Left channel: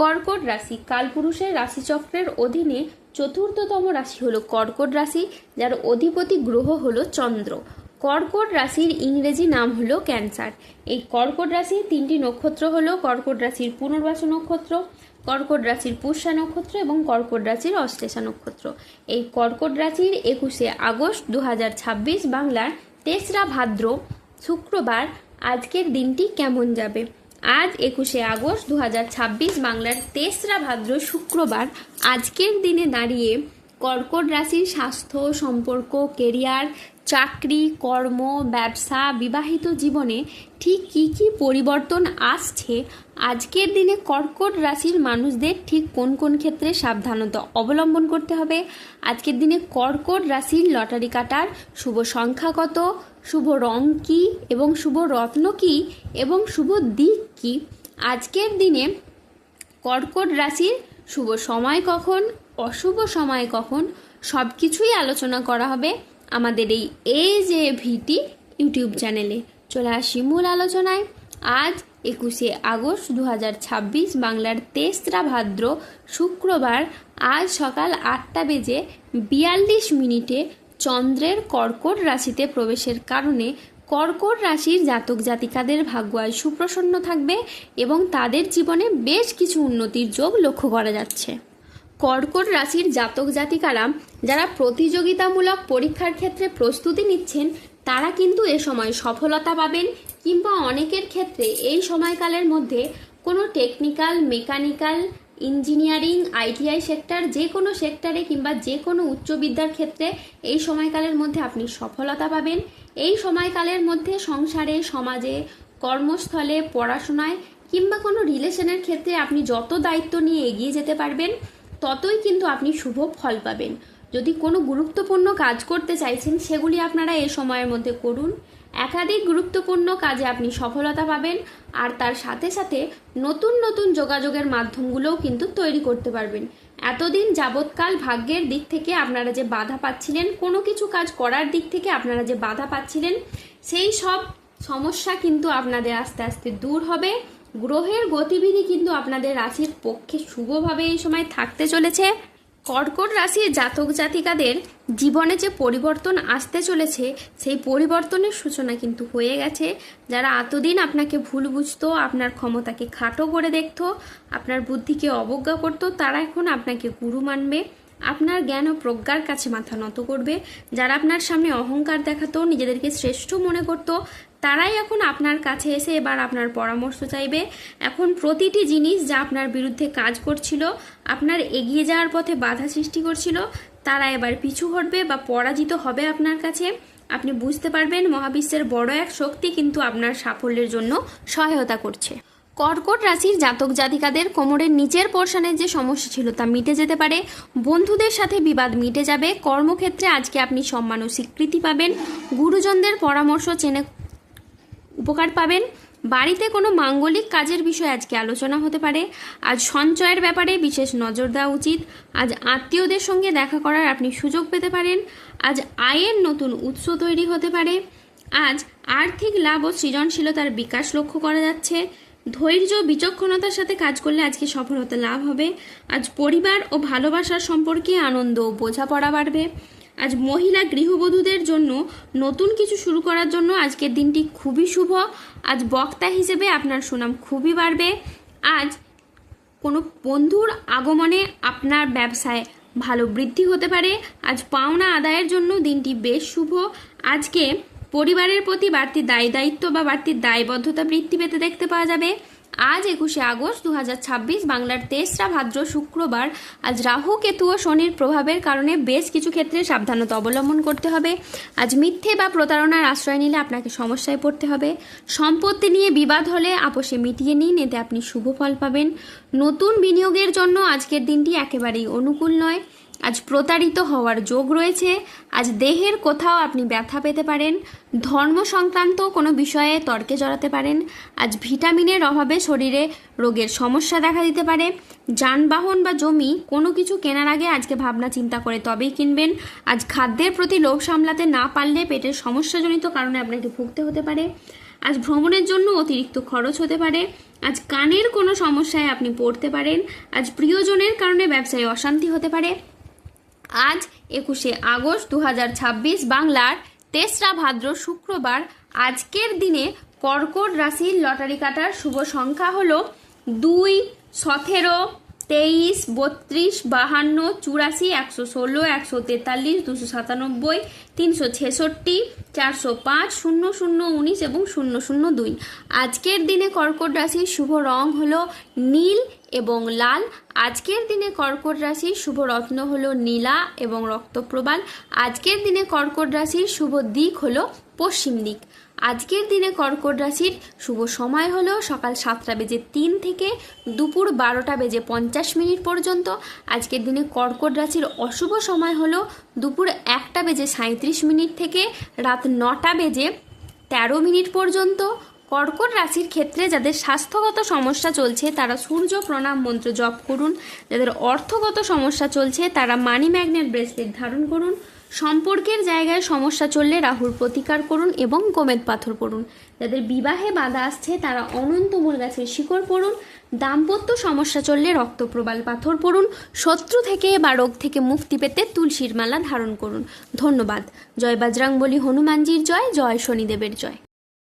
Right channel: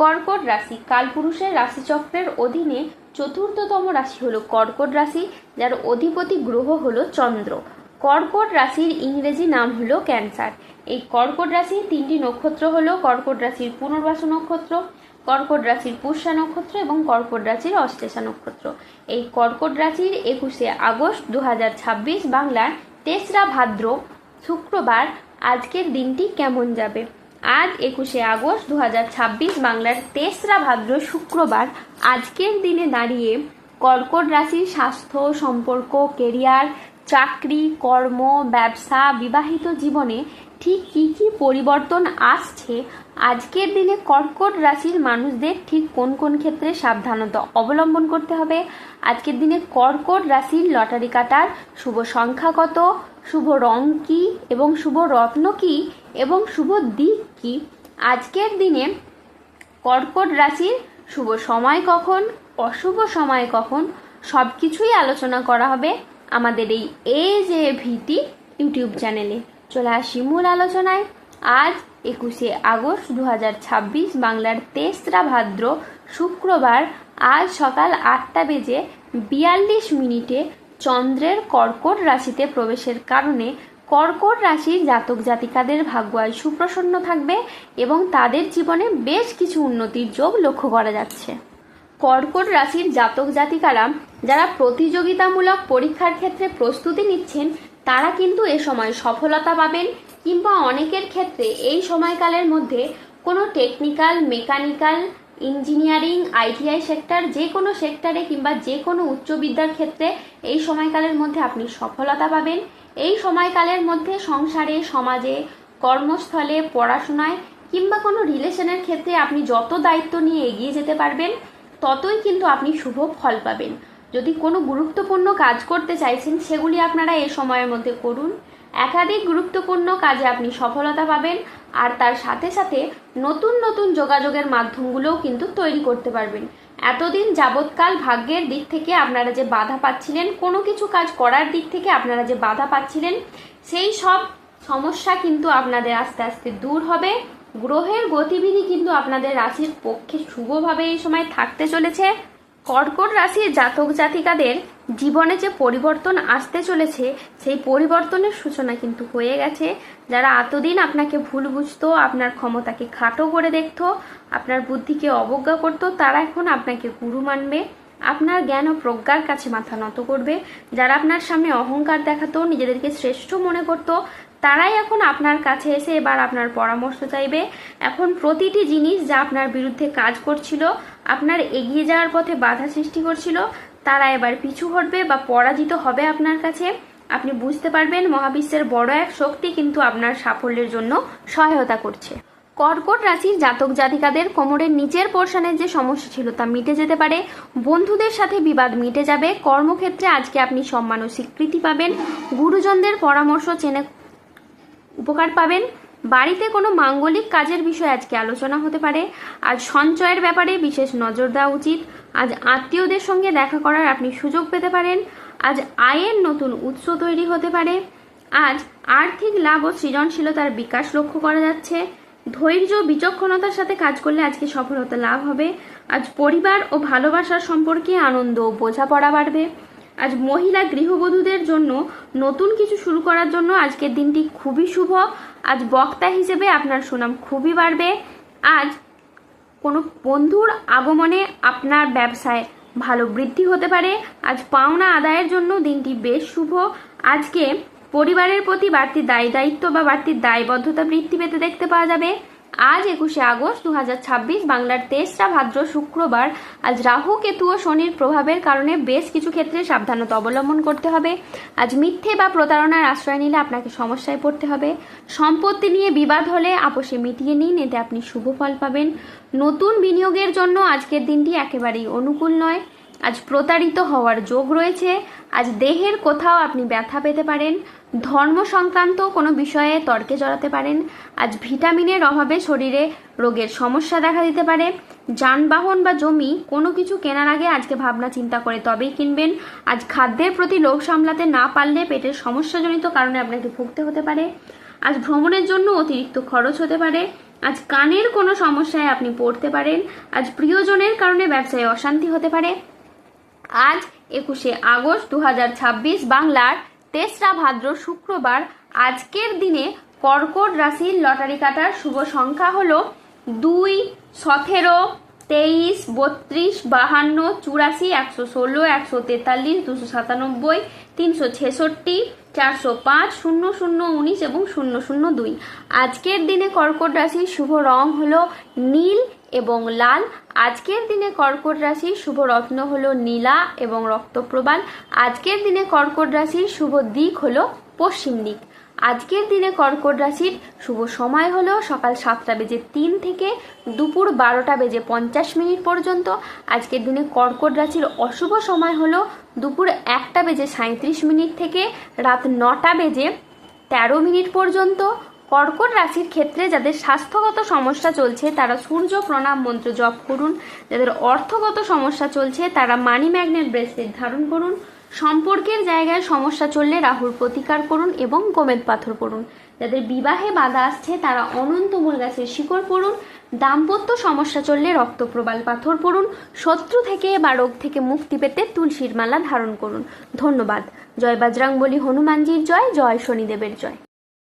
কর্কট রাশি কালপুরুষের রাশিচক্রের অধীনে চতুর্থতম রাশি হলো কর্কট রাশি, যার অধিপতি গ্রহ হলো চন্দ্র। কর্কট রাশির ইংরেজি নাম হলো ক্যান্সার। এই কর্কট রাশির তিনটি নক্ষত্র হলো কর্কট রাশির পুনর্বাসু নক্ষত্র, কর্কট রাশির পুষ্যা নক্ষত্র এবং কর্কট রাশির অশ্লেষা নক্ষত্র। এই কর্কট রাশির 21শে আগস্ট 2026 বাংলার 3রা ভাদ্র শুক্রবার আজকের দিনটি কেমন যাবে। আজ 21শে আগস্ট 2026 বাংলার 3রা ভাদ্র শুক্রবার আজকের দিনে দাঁড়িয়ে কর্কট রাশির স্বাস্থ্য, সম্পর্ক, কেরিয়ার, চাকরি, কর্ম, ব্যবসা, বিবাহিত জীবনে ঠিক কী কী পরিবর্তন আসছে, আজকের দিনে কর্কট রাশির মানুষদের ঠিক কোন কোন ক্ষেত্রে সাবধানতা অবলম্বন করতে হবে, আজকের দিনে কর্কট রাশির লটারি কাটার শুভ সংখ্যা কত, শুভ রং কী এবং শুভ রত্ন কী এবং শুভ দিক কী, আজকের দিনে কর্কট রাশির শুভ সময় কখন, অশুভ সময় কখন, সব কিছুই আলোচনা করা হবে আমাদের এই যে ভিটি ইউটিউব চ্যানেলে। চলে আসি মূল আলোচনায়। আজ 21শে আগস্ট 2026 বাংলার 3রা ভাদ্র শুক্রবার আজ সকাল 8:42 চন্দ্রের কর্কট রাশিতে প্রবেশের কারণে কর্কট রাশির জাতক জাতিকাদের ভাগ্য আজ সুপ্রসন্ন থাকবে এবং তাদের জীবনে বেশ কিছু উন্নতির যোগ লক্ষ্য করা যাচ্ছে। কর্কট রাশির জাতক জাতিকারা যারা প্রতিযোগিতামূলক পরীক্ষার ক্ষেত্রে প্রস্তুতি নিচ্ছেন তারা কিন্তু এ সময় সফলতা পাবেন, কিংবা অনেকের ক্ষেত্রে এই সময়কালের মধ্যে কোনো technical, mechanical, engineering, ITI sector, যে কোনো সেক্টরে কিংবা যে কোনো উচ্চ বিদ্যার ক্ষেত্রে এই সময়কালের মধ্যে আপনি সফলতা পাবেন। এই সময়কালের মধ্যে সংসারে, সমাজে, কর্মস্থলে, পড়াশোনায় কিংবা কোনো রিলেশনের ক্ষেত্রে আপনি যত দায়িত্ব নিয়ে এগিয়ে যেতে পারবেন ততই কিন্তু আপনি শুভ ফল পাবেন। যদি কোনো গুরুত্বপূর্ণ কাজ করতে চাইছেন সেগুলি আপনারা এই সময়ের মধ্যে করুন। একাধিক গুরুত্বপূর্ণ কাজে আপনি সফলতা পাবেন, আর তার সাথে সাথে নতুন নতুন যোগাযোগের মাধ্যমগুলোও কিন্তু তৈরি করতে পারবেন। এতদিন যাবৎকাল ভাগ্যের দিক থেকে আপনারা যে বাধা পাচ্ছিলেন, কোনো কিছু কাজ করার দিক থেকে আপনারা যে বাধা পাচ্ছিলেন, সেই সব সমস্যা কিন্তু আপনাদের আস্তে আস্তে দূর হবে। গ্রহের গতিবিধি কিন্তু আপনাদের রাশির পক্ষে শুভভাবে এই সময় থাকতে চলেছে। কর্কট রাশির জাতক জাতিকাদের জীবনে যে পরিবর্তন আসতে চলেছে সেই পরিবর্তনের সূচনা কিন্তু হয়ে গেছে। যারা এতদিন আপনাকে ভুল বুঝতো, আপনার ক্ষমতাকে খাটো করে দেখতো, আপনার বুদ্ধিকে অবজ্ঞা করতো, তারা এখন আপনাকে গুরু মানবে, আপনার জ্ঞান ও প্রজ্ঞার কাছে মাথা নত করবে। যারা আপনার সামনে অহংকার দেখাতো, নিজেদেরকে শ্রেষ্ঠ মনে করত, তারাই এখন আপনার কাছে এসে এবার আপনার পরামর্শ চাইবে। এখন প্রতিটি জিনিস যা আপনার বিরুদ্ধে কাজ করছিল, আপনার এগিয়ে যাওয়ার পথে বাধা সৃষ্টি করছিল, তারা এবার পিছু হটবে বা পরাজিত হবে আপনার কাছে। আপনি বুঝতে পারবেন মহাবিশ্বের বড় এক শক্তি কিন্তু আপনার সাফল্যের জন্য সহায়তা করছে। কর্কট রাশির জাতক জাতিকাদের কোমরের নিচের পোর্শনের যে সমস্যা ছিল তা মিটে যেতে পারে, বন্ধুদের সাথে বিবাদ মিটে যাবে, কর্মক্ষেত্রে আজকে আপনি সম্মান ও স্বীকৃতি পাবেন, গুরুজনদের পরামর্শ চেনে উপকার পাবেন, বাড়িতে কোনো মাঙ্গলিক কাজের বিষয়ে আজকে আলোচনা হতে পারে। আজ সঞ্চয়ের ব্যাপারে বিশেষ নজর দেওয়া উচিত। আজ আত্মীয়দের সঙ্গে দেখা করার আপনি সুযোগ পেতে পারেন। আজ আয়ের নতুন উৎস তৈরি হতে পারে। আজ আর্থিক লাভ ও সৃজনশীলতার বিকাশ লক্ষ্য করা যাচ্ছে। ধৈর্য, বিচক্ষণতার সাথে কাজ করলে আজকে সফলতা লাভ হবে। আজ পরিবার ও ভালোবাসার সম্পর্কে আনন্দ ও বোঝাপড়া বাড়বে। আজ মহিলা গৃহবধূদের জন্য নতুন কিছু শুরু করার জন্য আজকের দিনটি খুবই শুভ। আজ বক্তা হিসেবে আপনার সুনাম খুবই বাড়বে। আজ কোনো বন্ধুর আগমনে আপনার ব্যবসায় ভালো বৃদ্ধি হতে পারে। আজ পাওনা আদায়ের জন্য দিনটি বেশ শুভ। আজকে পরিবারের প্রতি বাড়তি দায়িত্ব বা বাড়তি দায়বদ্ধতা বৃদ্ধি পেতে দেখতে পাওয়া যাবে। আজ 21শে আগস্ট 2026 বাংলার 3রা ভাদ্র শুক্রবার আজ রাহু, কেতু ও শনির প্রভাবের কারণে বেশ কিছু ক্ষেত্রে সাবধানতা অবলম্বন করতে হবে। আজ মিথ্যে বা প্রতারণার আশ্রয় নিলে আপনাকে সমস্যায় পড়তে হবে। সম্পত্তি নিয়ে বিবাদ হলে আপোষে মিটিয়ে নিন, এতে আপনি শুভ ফল পাবেন। নতুন বিনিয়োগের জন্য আজকের দিনটি একেবারেই অনুকূল নয়। আজ প্রতারিত হওয়ার যোগ রয়েছে। আজ দেহের কোথাও আপনি ব্যথা পেতে পারেন। ধর্ম সংক্রান্ত কোনো বিষয়ে তর্কে জড়াতে পারেন। আজ ভিটামিনের অভাবে শরীরে রোগের সমস্যা দেখা দিতে পারে। যানবাহন বা জমি কোনো কিছু কেনার আগে আজকে ভাবনা চিন্তা করে তবেই কিনবেন। আজ খাদ্যের প্রতি লোভ সামলাতে না পারলে পেটের সমস্যাজনিত কারণে আপনাকে ভুগতে হতে পারে। আজ ভ্রমণের জন্য অতিরিক্ত খরচ হতে পারে। আজ কানের কোনো সমস্যায় আপনি পড়তে পারেন। আজ প্রিয়জনের কারণে ব্যবসায় অশান্তি হতে পারে। আজ 21শে আগস্ট 2026 বাংলার 3রা ভাদ্র শুক্রবার। আজকের দিনে কর্কট রাশির লটারি কাটার শুভ সংখ্যা হলো 2, 17, 23, 32, 52, 84, 116, 143, 297, 366, 405, 00, 19 এবং 002। আজকের দিনে কর্কট রাশির শুভ রং হলো নীল এবং লাল। আজকের দিনে কর্কট রাশির শুভ রত্ন হলো নীলা এবং রক্তপ্রবাল। আজকের দিনে কর্কট রাশির শুভ দিক হলো পশ্চিম দিক। আজকের দিনে কর্কট রাশির শুভ সময় হলো সকাল 7টা বেজে 3 থেকে দুপুর 12টা বেজে 50 পর্যন্ত। আজকের দিনে কর্কট রাশির অশুভ সময় হলো দুপুর 1টা বেজে 37 থেকে রাত 9টা বেজে 13 পর্যন্ত। কর্কট রাশির ক্ষেত্রে যাদের স্বাস্থ্যগত সমস্যা চলছে তারা সূর্য প্রণাম মন্ত্র জপ করুন। যাদের অর্থগত সমস্যা চলছে তারা মানি ম্যাগনেট ব্রেসলেট ধারণ করুন। সম্পর্কের জায়গায় সমস্যা চললে রাহুর প্রতিকার করুন এবং গোমেদ পাথর পড়ুন। যাদের বিবাহে বাধা আসছে তারা অনন্তমূল গাছের শিকড় পড়ুন। দাম্পত্য সমস্যা চললে রক্তপ্রবাল পাথর পড়ুন। শত্রু থেকে বা রোগ থেকে মুক্তি পেতে তুলসীর মালা ধারণ করুন। ধন্যবাদ। জয় বজরংবলী হনুমানজির জয়, জয় শনিদেবের জয়।